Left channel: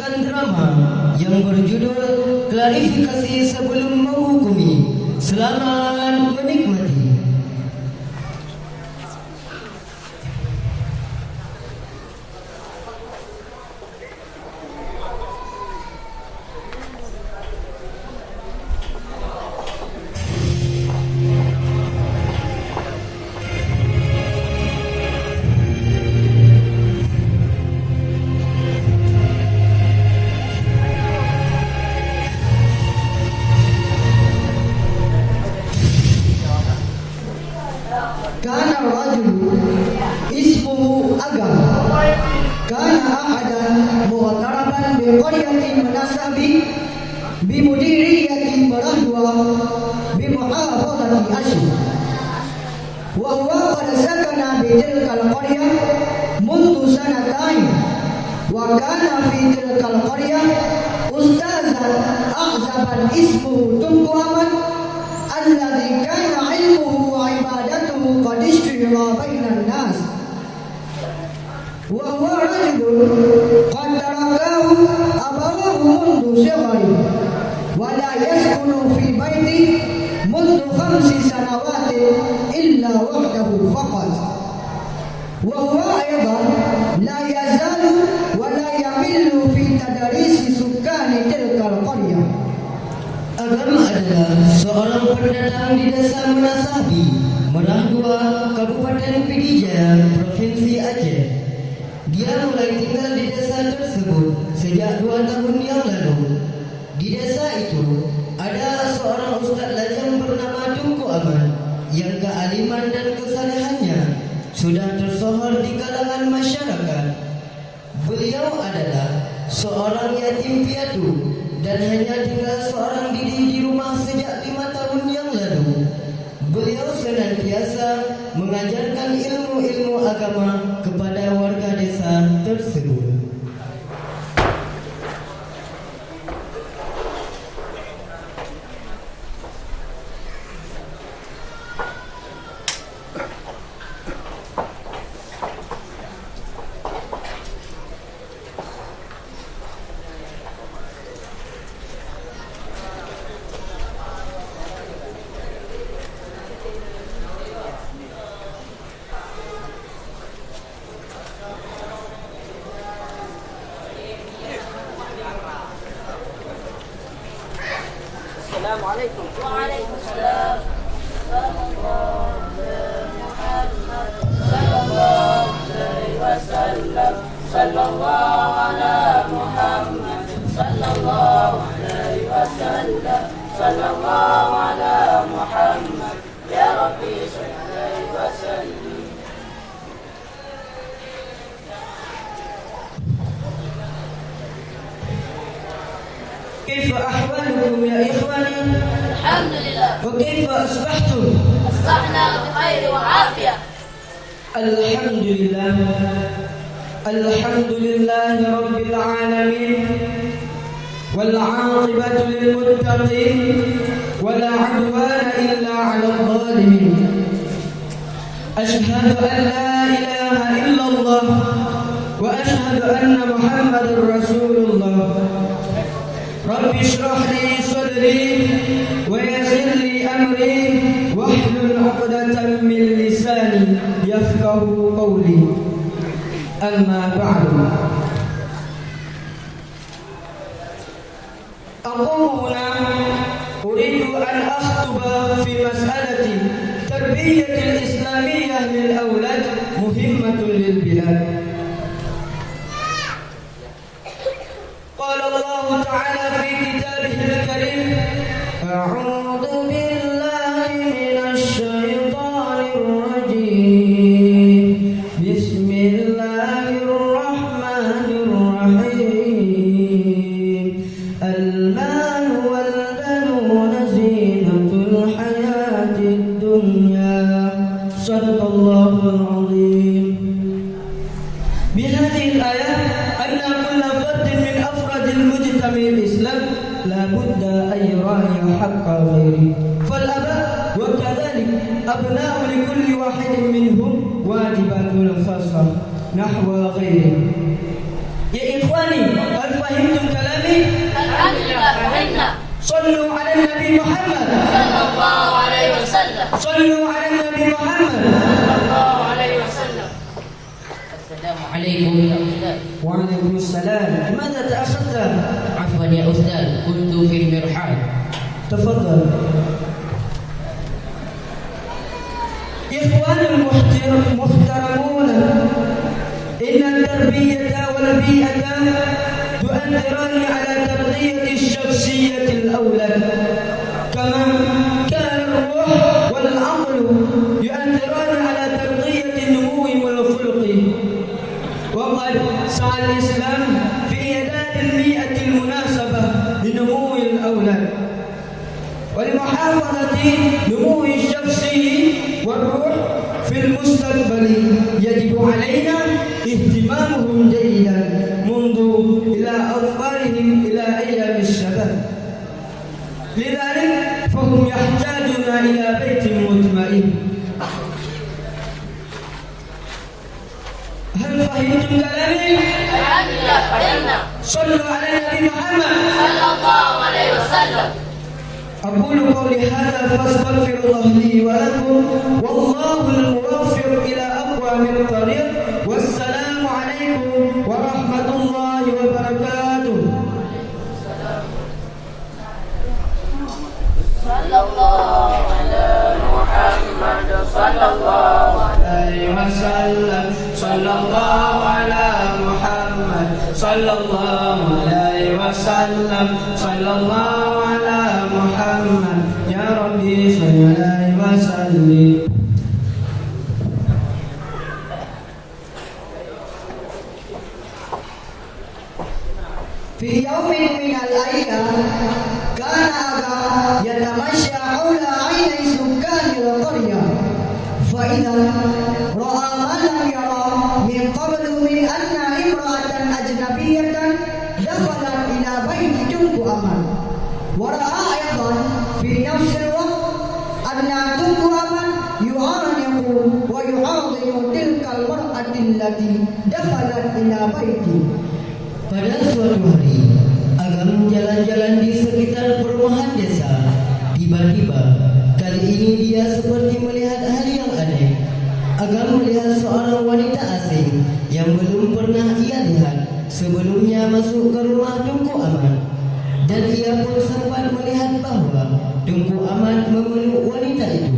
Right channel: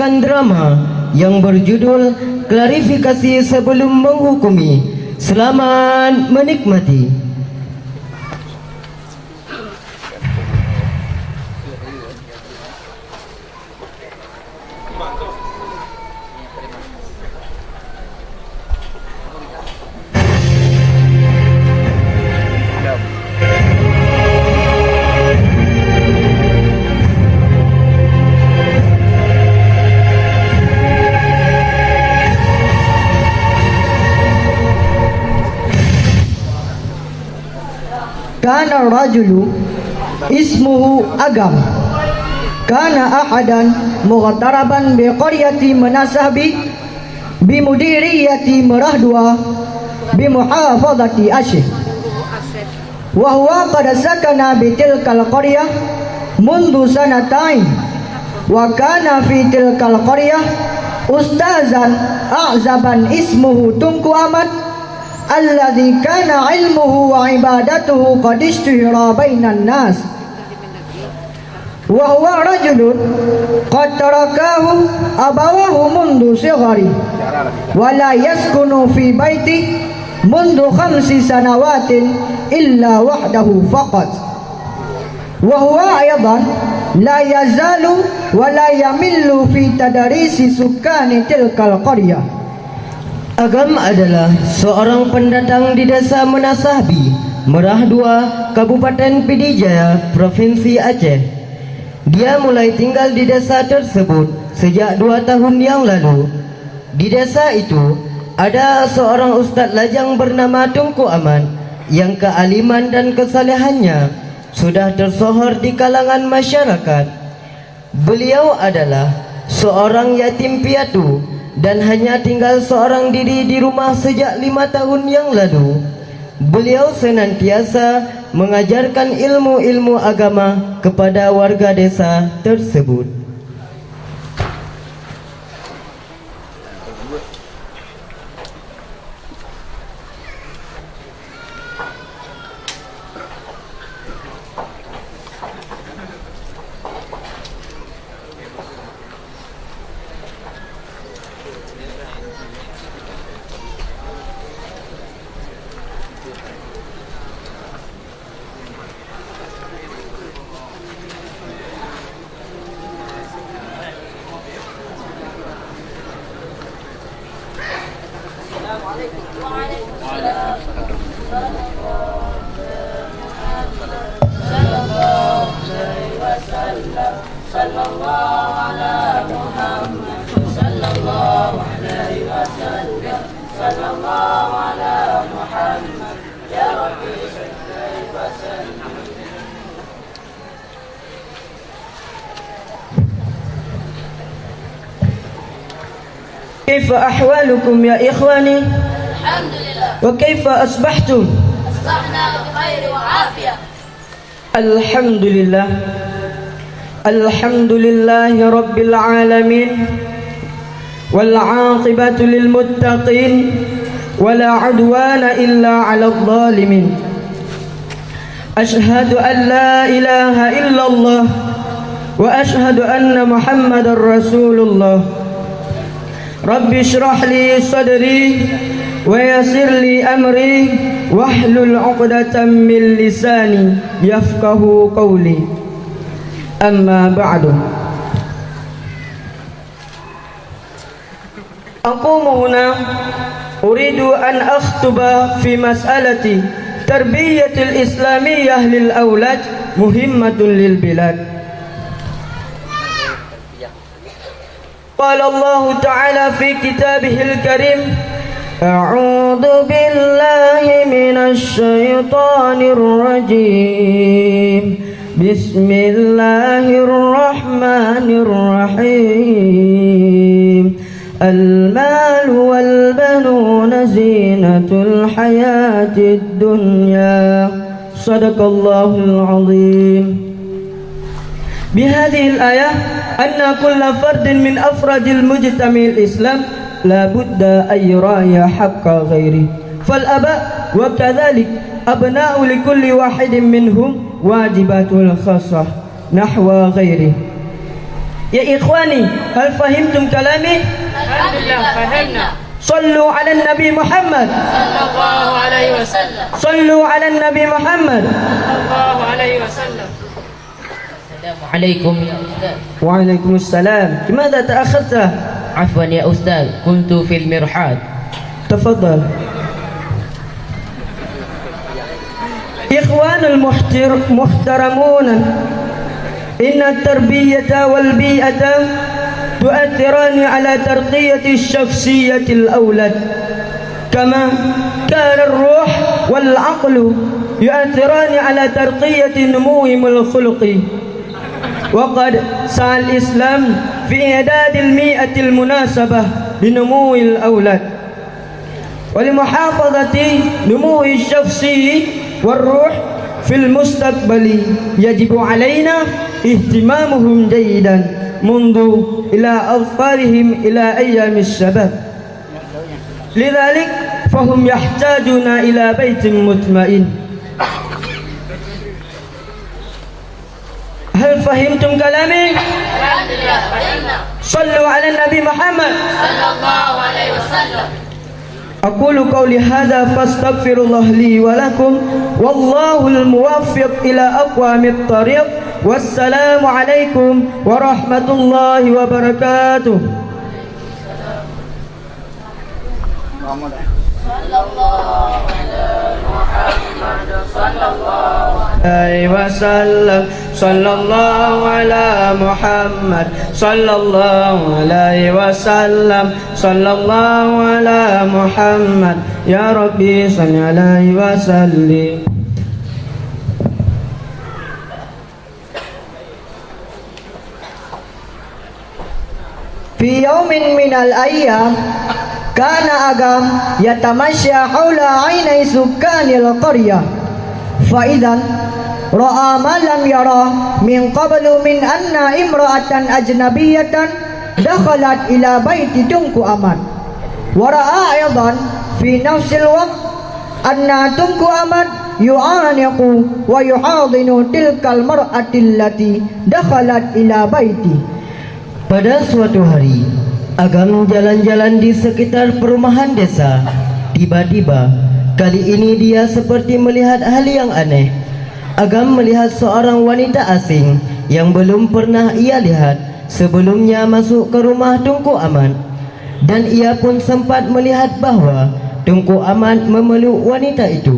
menyaksikan drama yang berjudul Klarifikasi Sebelum Menghukumi. Selamat menikmati. Kana rajulu ismuhu Agam kana ahadan mughtaraban bi qaryati Manasahbi bi mudiriyati Marahdua bi muhafadati Ashih wa huwa qad sakana bi tilkal qaryah mundu sanatain wa kana fi tilkal qaryah ustazan a'zaban ismuhu Tunku Ahmad alladhi kana ilmuhu wa ibadatuhu qad ishtihara bainan nas wa huwa rajulun qad tarakahu abawahu mundu sighari wa la yaskunu fi baiti mundu 5 sanawatin illa wahdahu faqat wa huwa aydan la yazalu wa la yamillu fi tadarisi sukkani tilkal qaryah. Agam adalah seorang pendatang di desa Manasahbi, Merahdua, Kabupaten Pidijaya, Provinsi Aceh. Dia mulai tinggal di desa tersebut sejak 2 tahun yang lalu. Di desa itu ada seorang ustaz lajang bernama Tunku Ahmad yang kealiman dan kesalehannya sudah tersohor di kalangan masyarakat. Beliau adalah seorang yatim piatu dan hanya tinggal seorang diri di rumah sejak 5 tahun yang lalu. Beliau senantiasa mengajarkan ilmu-ilmu agama kepada warga desa tersebut. Assalamualaikum. Waalaikumsalam. Sallallahu ala Muhammad. Sallallahu alaihi wasallam. Sallallahu ala Muhammad. Ya Rabbi salli wa sallim. كيف أحوالكم يا إخواني؟ الحمد لله. وكيف أصبحتم؟ أصبحنا بخير وعافية. الحمد لله. الحمد لله رب العالمين والعاقبة للمتقين ولا عدوان إلا على الظالمين. أشهد أن لا إله إلا الله وأشهد أن محمد رسول الله. رب اشرح لي صدري ويسر لي أمري واحلل عقدة من لساني يفقه قولي. أما بعد، أقوم هنا أريد أن أخطب في مسألة تربية الإسلامية للأولاد مهمة للبلاد. قال الله تعالى في كتابه الكريم: أعوذ بالله من الشيطان الرجيم. بسم الله الرحمن الرحيم. المال والبنون زينة الحياة الدنيا. صدق الله العظيم. بهذه الآية أن كل فرد من أفراد المجتمع الإسلام لا بد أن يراعي حق غيره، فالآباء وكذلك أبناء لكل واحد منهم واجباته الخاصة نحو غيره. Ya ikhwani, hal fahimtum kalami? Alhamdulillah, fahimna. Sallu ala Nabi Muhammad. Sallallahu alaihi wasallam. Sallu ala Nabi Muhammad. Sallallahu alaihi wasallam. عليكم يا أستاذ. وعليكم السلام. لماذا تأخرت؟ عفوا يا أستاذ، كنت في المرحاض. تفضل. إخوان المحترمون، إن التربية والبيئة تؤثران على ترقية الشخصية الأولاد، كما كان الروح والعقل يؤثران على ترقية نموهم الخلقي. وقد سعى الإسلام في إعداد البيئة المناسبة لنمو الأولاد ولمحافظة نمو الشخصي والروح في المستقبل. يجب علينا اهتمامهم جيدا منذ إلى أظفارهم إلى أيام الشباب. لذلك فهم يحتاجون إلى بيت مطمئن. هل فهمتم كلامي؟ Alhamdulillah, fahimna. صلوا على النبي محمد. Sallallahu alaihi wasallam. أقول قولي هذا فاستغفر الله لي ولكم، والله الموفق إلى أقوم الطريق، والسلام عليكم ورحمة الله وبركاته. Sallallahu alaihi Muhammad. Sallallahu عليه وسلم. صلى الله على محمد صلى الله عليه وسلم. صلى الله على محمد يا ربي صل عليه وسلم. في يوم من الأيام كان أبا يتمشى حول عيني سكان القرية، فإذا رأى ما لم يرى من قبل من أن امرأة أجنبية دخلت إلى بيت تنكو أمان، ورأى أيضا في نفس الوقت أن تنكو أمان يعانق ويحاضن تلك المرأة التي دخلت إلى بيته. Pada suatu hari, Agam jalan-jalan di sekitar perumahan desa. Tiba-tiba, kali ini dia seperti melihat hal yang aneh. Agam melihat seorang wanita asing yang belum pernah ia lihat sebelumnya masuk ke rumah Tunku Aman. Dan ia pun sempat melihat bahawa Tunku Aman memeluk wanita itu.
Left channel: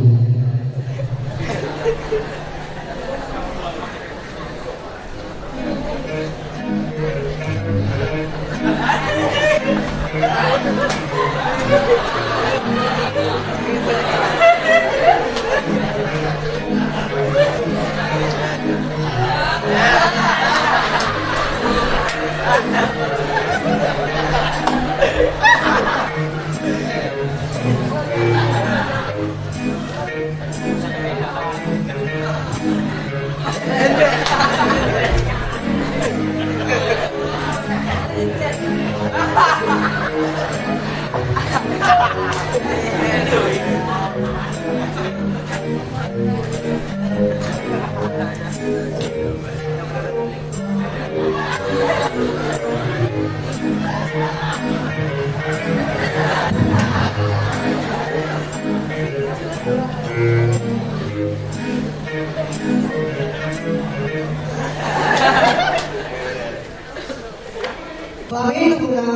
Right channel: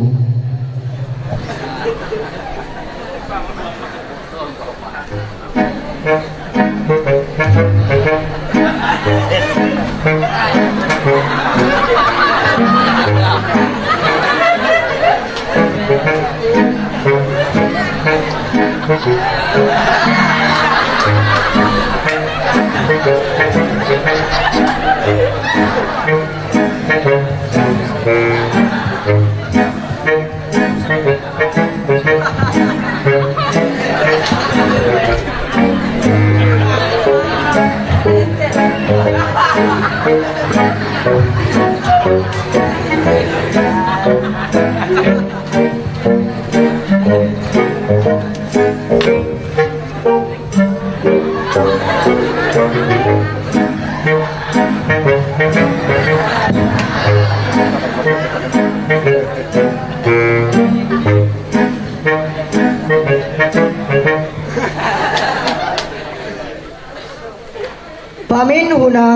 فمن هنا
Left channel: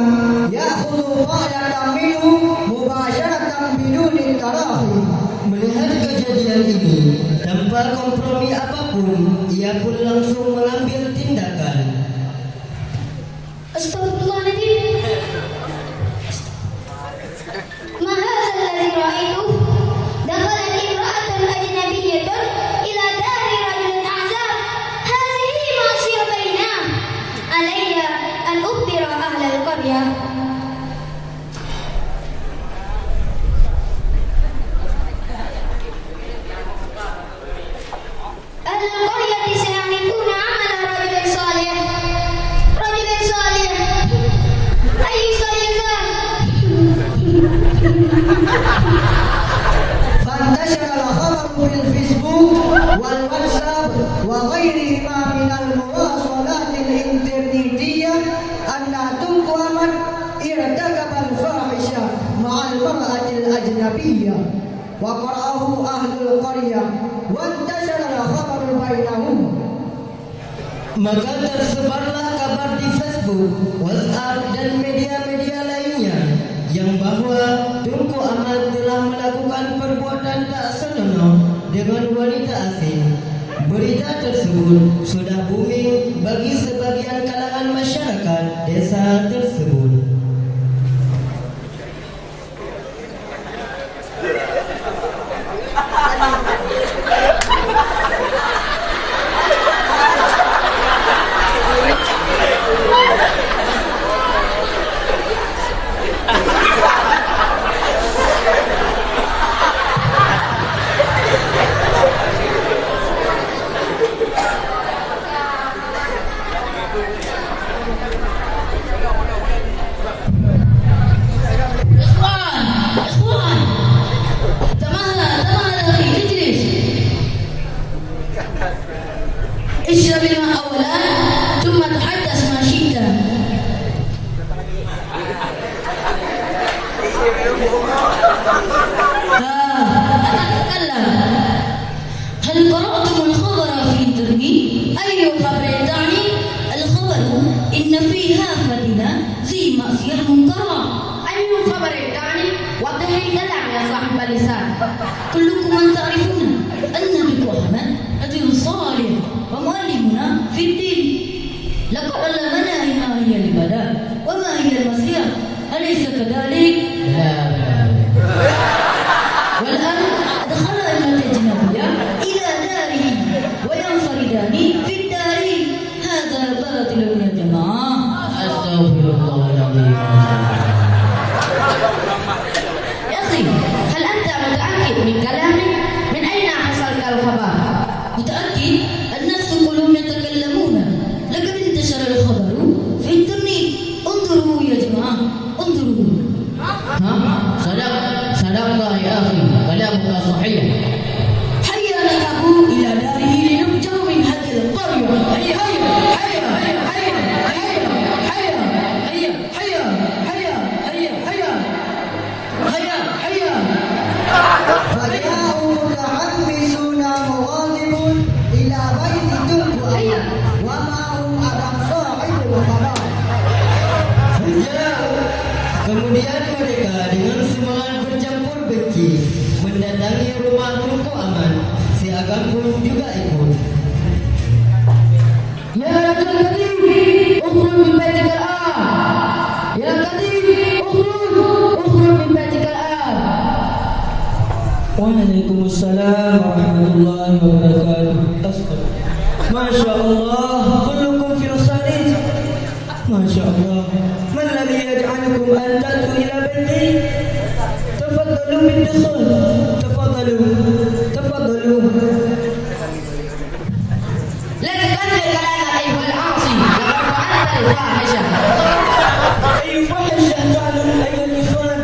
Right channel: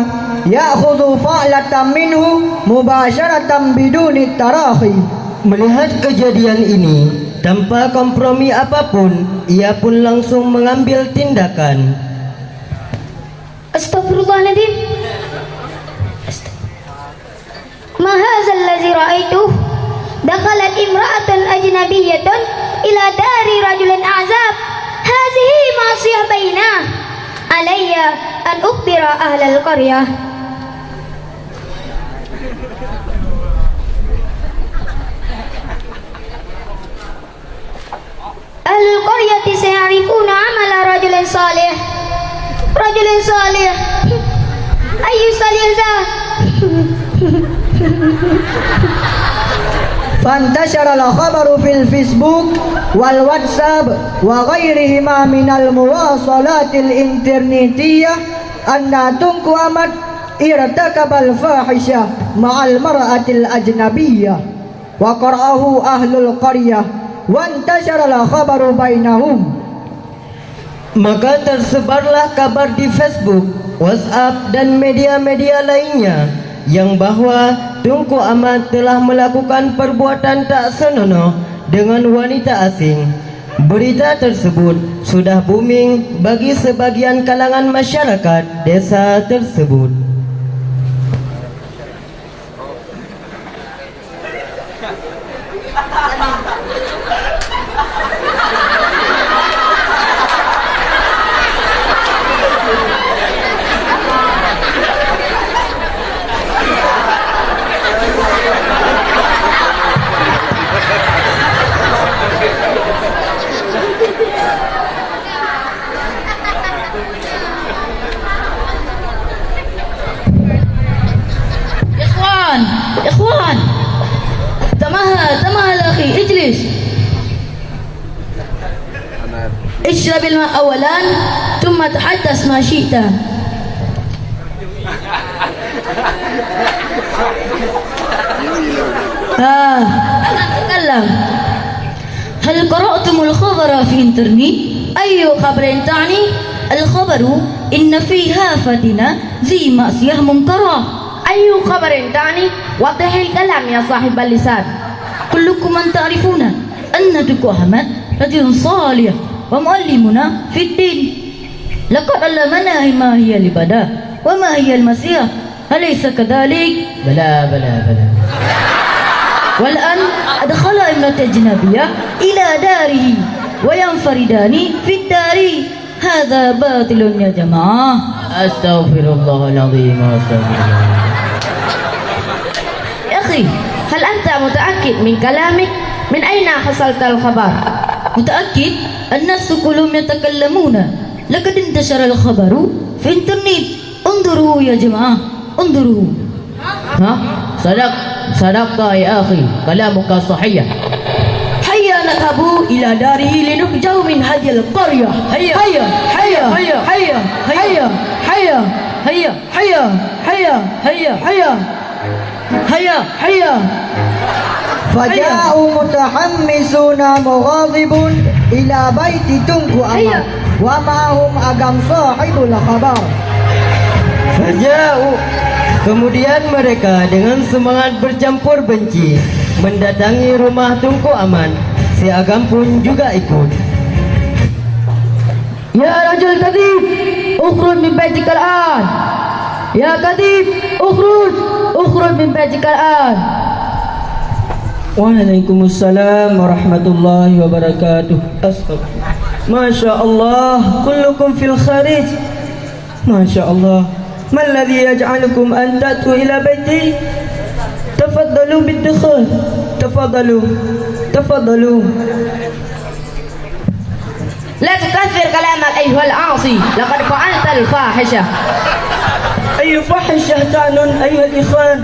يأخذ فعلة منه مباشرة بدون التراخي. Melihat kejadian ini, tanpa kompromi apapun, ia pun langsung mengambil tindakan. Astaghfirullahaladzim. Ma hadha alladhi ra'aituh? Dakhalat imra'atan ajnabiyyatan ila dari rajulin a'zab. Hadhihi ma'siyah bainah. Alayya an ukhbira ahlal qaryah. Al-qaryati sayarifuna amala rajulin salih. Rajulin salih. Ayu salih za. فانتشر الخبر في الفيسبوك والواتساب وغيرهما من المواصلات الإنترنتية أن تنكو أحمد ارتكب الفاحشة مع المرأة الأجنبية وقرأه أهل القرية وانتشر الخبر بينهم. Maka tersebarlah kabar di Facebook, WhatsApp dan media-media lainnya yang bahwa Tunku Ahmad telah melakukan perbuatan tak senonoh dengan wanita asing. Berita tersebut sudah booming bagi sebagian kalangan masyarakat desa tersebut. إخوان تمهل أخي اجلس اشرب الماء أولا ثم تحدث ما شئت. تكلم. هل قرأتم الخبر في الإنترنت؟ أي خبر تعني؟ الخبر إن في هافتنا ذي معصية منكرة. أي خبر تعني؟ وضح الكلام يا صاحب اللسان. كلكم من تعرفون أن دكو أحمد رجل صالح ومعلمنا في الدين. لقد علمنا ما هي العبادة وما هي المسيح، أليس كذلك؟ بلى. والآن أدخل ابنة أجنبية إلى داره وينفردان في الدار. هذا باطل يا جماعة. أستغفر الله العظيم وأستغفر الله. يا أخي، هل أنت متأكد من كلامك؟ من أين حصلت الخبر؟ متأكد؟ الناس كلهم يتكلمون. لقد انتشر الخبر في الإنترنت. انظروا يا جماعة، انظروا. صدقت يا أخي، كلامك صحيح. هيا نذهب إلى داره لنخرجه من هذه القرية. هيا هيا هيا هيا هيا هيا هيا هيا هيا هيا هيا هيا هيا هيا. فجاءوا متحمسون مغاضبون إلى بيت تنكو أحمد ومعهم أقام صاحب الخبر. Kemudian mereka dengan semangat bercampur benci mendatangi rumah Tunku Ahmad. Si Agam pun juga ikut. Ya rajul kadhib, ukhruj min baitika al-an. Ya kadhib, ukhruj min baitika al-an. Waalaikumsalam warahmatullahi wabarakatuh. Astagfirullah. Masya Allah, kullukum fil kharij. Masya Allah. ما الذي يجعلكم أن تأتوا إلى بيتي؟ تفضلوا بالدخول. تفضلوا. لا تكثر كلامك أيها العاصي، لقد فعلت الفاحشة. أي فاحشة تعلن أيها الإخوان؟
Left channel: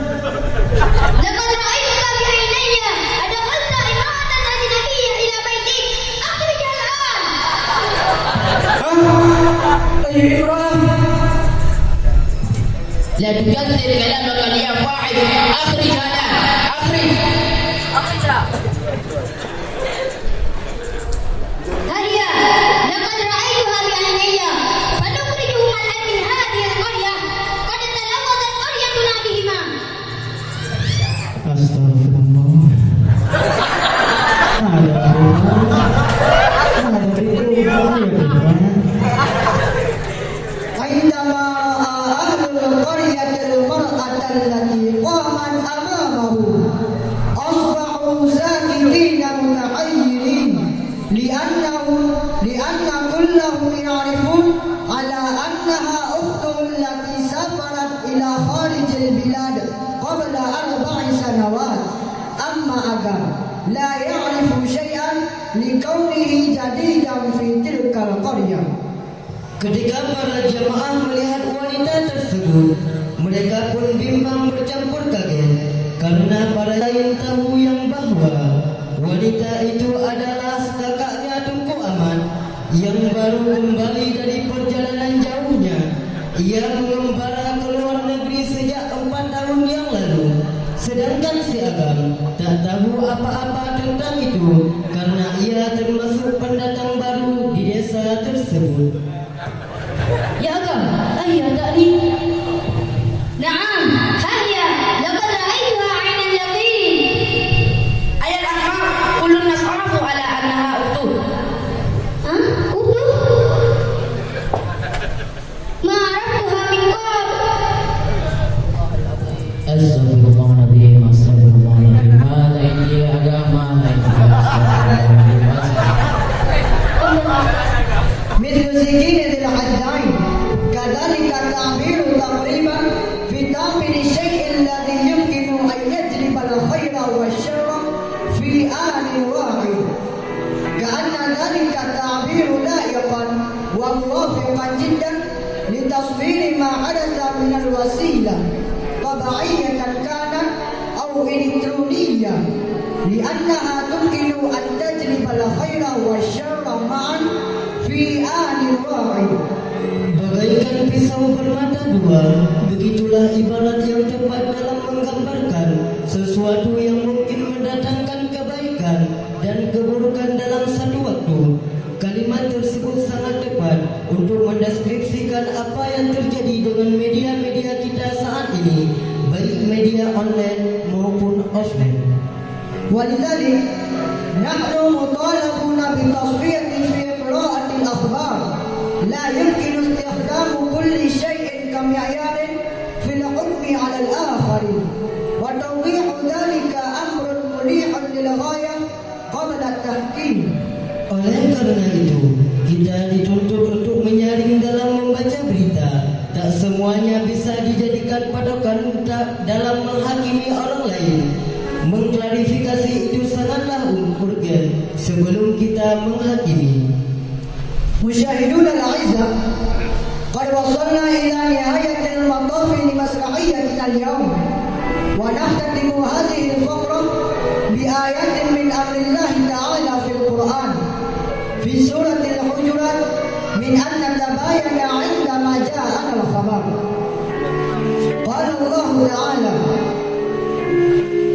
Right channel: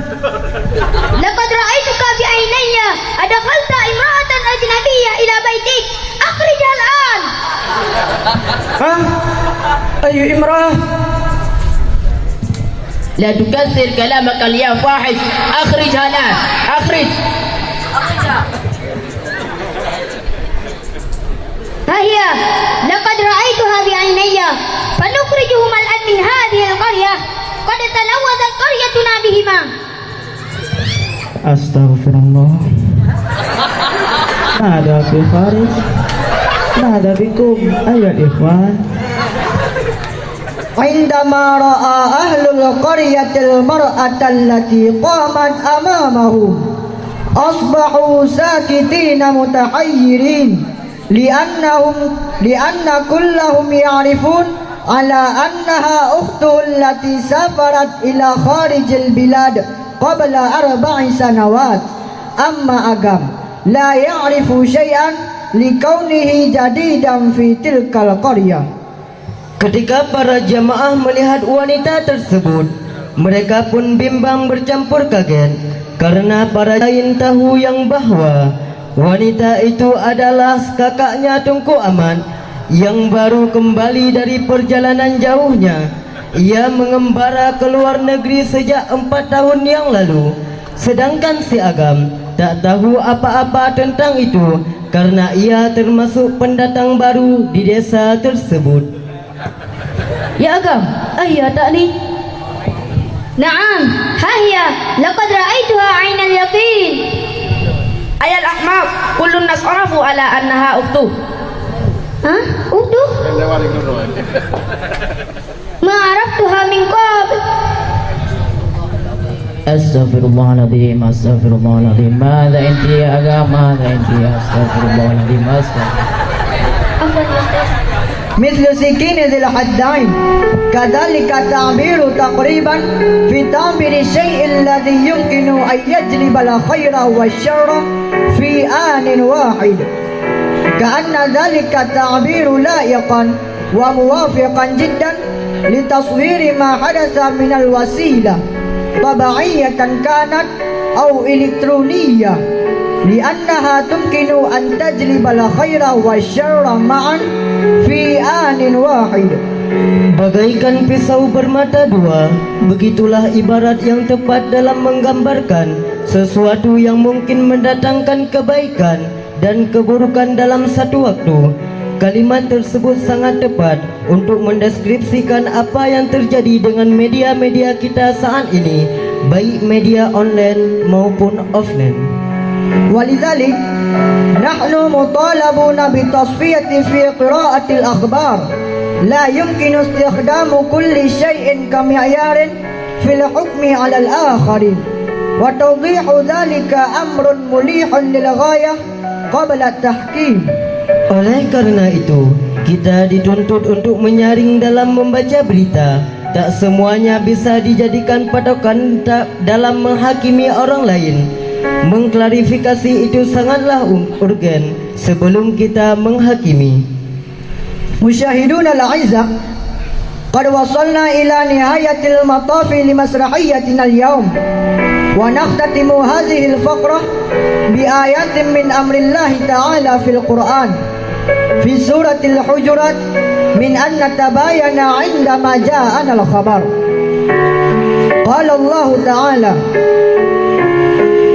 لقد رأيتك بعيني أدخلت امرأة أجنبية إلى بيتك. أخرجها الآن. أي امرأة؟ لا تكثر كلامك يا فاحش. أخرجها الآن. أخرجها. فهي لقد رأيتها بعيني فنخرجهما الآن من هذه القرية. قد تلوثت قريتنا بهما. Astagfirullah. Ada bifaris. Ada bikum. Ayo ikhwan. عندما رأى أهل القرية المرأة التي قامت أمامه أصبحوا ساكتين متحيرين لأن كلهم يعرفون على أنها أخته التي سافرت إلى خارج البلاد قبل 4 سنوات. أما أقام لا يعرف شيئا لكونه جديدا في تلك القرية. Ketika para jamaah melihat wanita tersebut, mereka pun bimbang bercampur kaget Karena para lain tahu yang bahwa wanita itu adalah kakaknya Tunku Ahmad yang baru kembali dari perjalanan jauhnya. Ia mengembara ke luar negeri sejak 4 tahun yang lalu. Sedangkan si Agam tak tahu apa-apa tentang itu karena ia termasuk pendatang baru di desa tersebut. Ya Agam, ayah tak ni? نعم ها هي لقد رأيتها عين اليقين. أيا الأحمق كل الناس عرفوا على أنها أخته. ها أخته؟ ما عرفتها من قبل. Astaghfirullahaladzim, astaghfirullahaladzim. Mada inti ya Agam, mada inti ya astaghfirullahaladzim, مثل سكين ذي الحدين كذلك التعبير تقريبا في تعبير الشيء الذي يمكن أن يجلب الخير والشر في آن واحد، كأن ذلك التعبير لائقا وموافقا جدا لتصوير ما حدث من الوسيلة طبيعية كانت أو إلكترونية، لأنها تمكن أن تجلب الخير والشر معا في آن واحد. Bagaikan pisau bermata dua, begitulah ibarat yang tepat dalam menggambarkan sesuatu yang mungkin mendatangkan kebaikan dan keburukan dalam satu waktu. Kalimat tersebut sangat tepat untuk mendeskripsikan apa yang terjadi dengan media-media kita saat ini, baik media online maupun offline. ولذلك نحن مطالبون بالتصفية في قراءة الأخبار. لا يمكن استخدام كل شيء كمعيار في الحكم على الآخر، وتوضيح ذلك أمر مليح للغاية قبل التحكيم. Oleh karena itu, kita dituntut untuk menyaring dalam membaca berita. Tak semuanya bisa dijadikan patokan dalam menghakimi orang lain. Mengklarifikasi itu sangatlah urgen sebelum kita menghakimi. مشاهدون الأعزاء، قد وصلنا إلى نهاية المطاف لمسرحيتنا اليوم، ونختتم هذه الفقرة بآيات من أمر الله تعالى في القرآن في سورة الحجرات من أن نتباين عندما جاءنا الخبر. قال الله تعالى:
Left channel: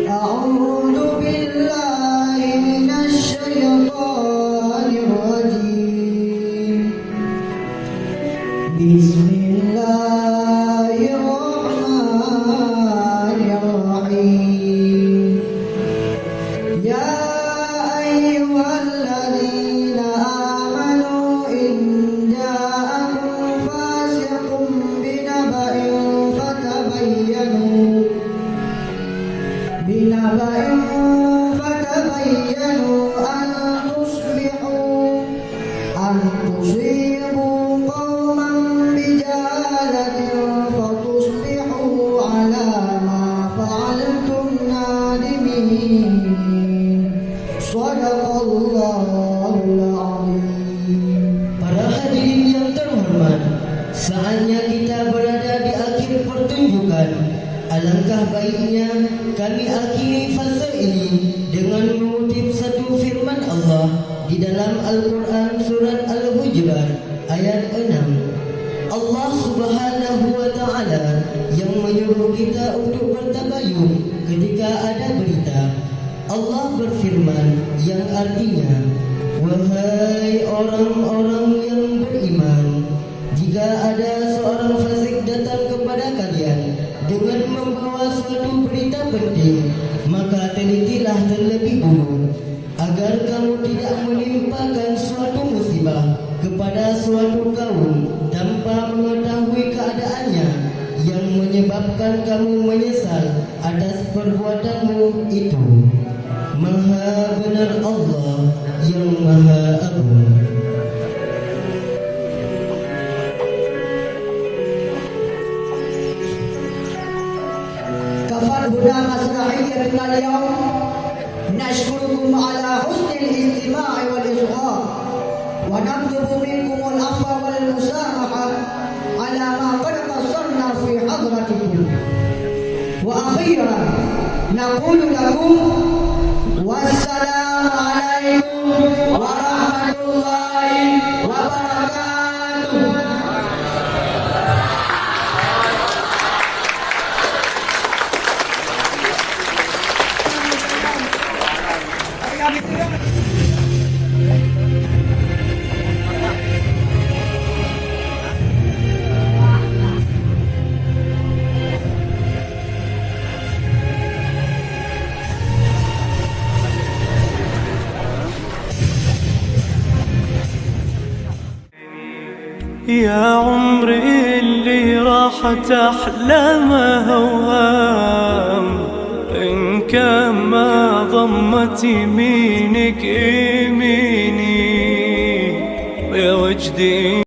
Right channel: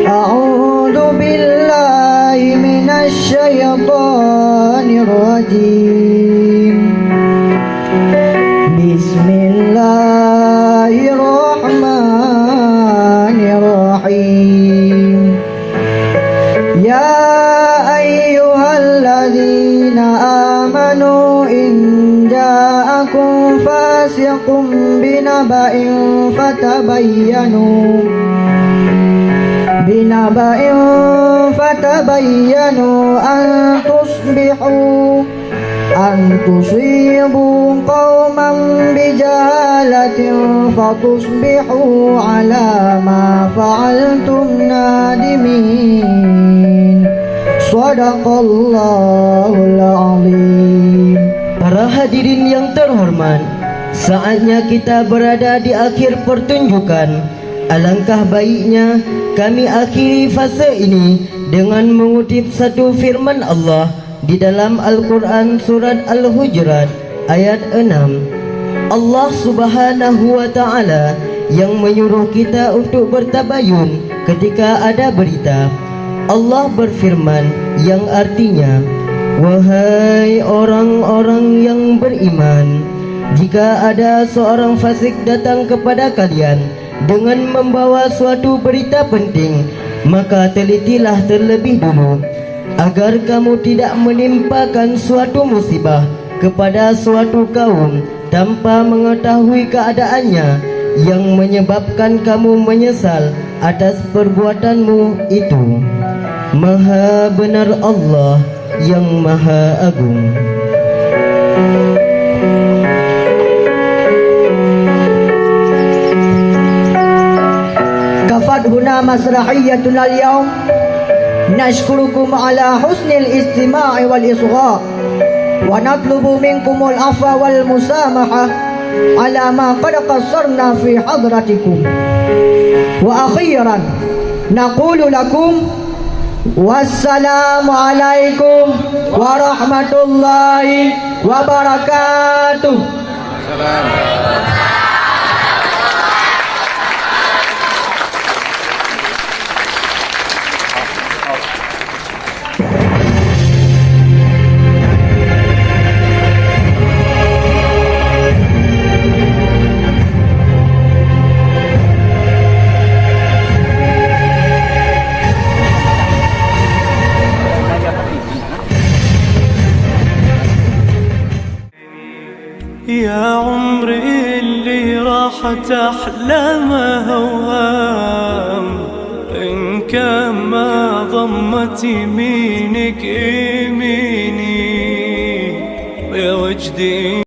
أعوذ بالله من الشيطان الرجيم، بسم الله الرحمن الرحيم. يا أيها الذين آمنوا إن جاءكم فاسق بنبأ فتبينوا أن تصيبوا قوما بجهالة فتصبحوا على ما فعلتم نادمين. صدق الله العظيم. Para hadirin yang terhormat, saatnya kita berada di akhir pertunjukan. Alangkah baiknya kami akhiri fase ini dengan mengutip satu firman Allah di dalam Al-Quran surat Al-Hujurat ayat 6. Allah Subhanahu wa Ta'ala yang menyuruh kita untuk bertabayun ketika ada berita. Allah berfirman yang artinya, wahai orang-orang yang beriman, jika ada seorang fasik datang kepada kalian dengan membawa suatu berita penting, maka telitilah terlebih dulu agar kamu tidak menimpakan suatu musibah kepada suatu kaum tanpa mengetahui keadaannya, yang menyebabkan kamu menyesal atas perbuatanmu itu. Maha benar Allah yang Maha Agung. هنا مسرحيتنا اليوم. نشكركم على حسن الاستماع والإصغاء، ونطلب منكم العفو والمسامحة على ما قد قصرنا في حضرتكم. وأخيرا naqulu lakum wassalamu alaikum warahmatullahi wabarakatuh. يا عمري اللي راحت أحلامه أوهام، إن كان ما ضمت يمينك يميني يا وجدي.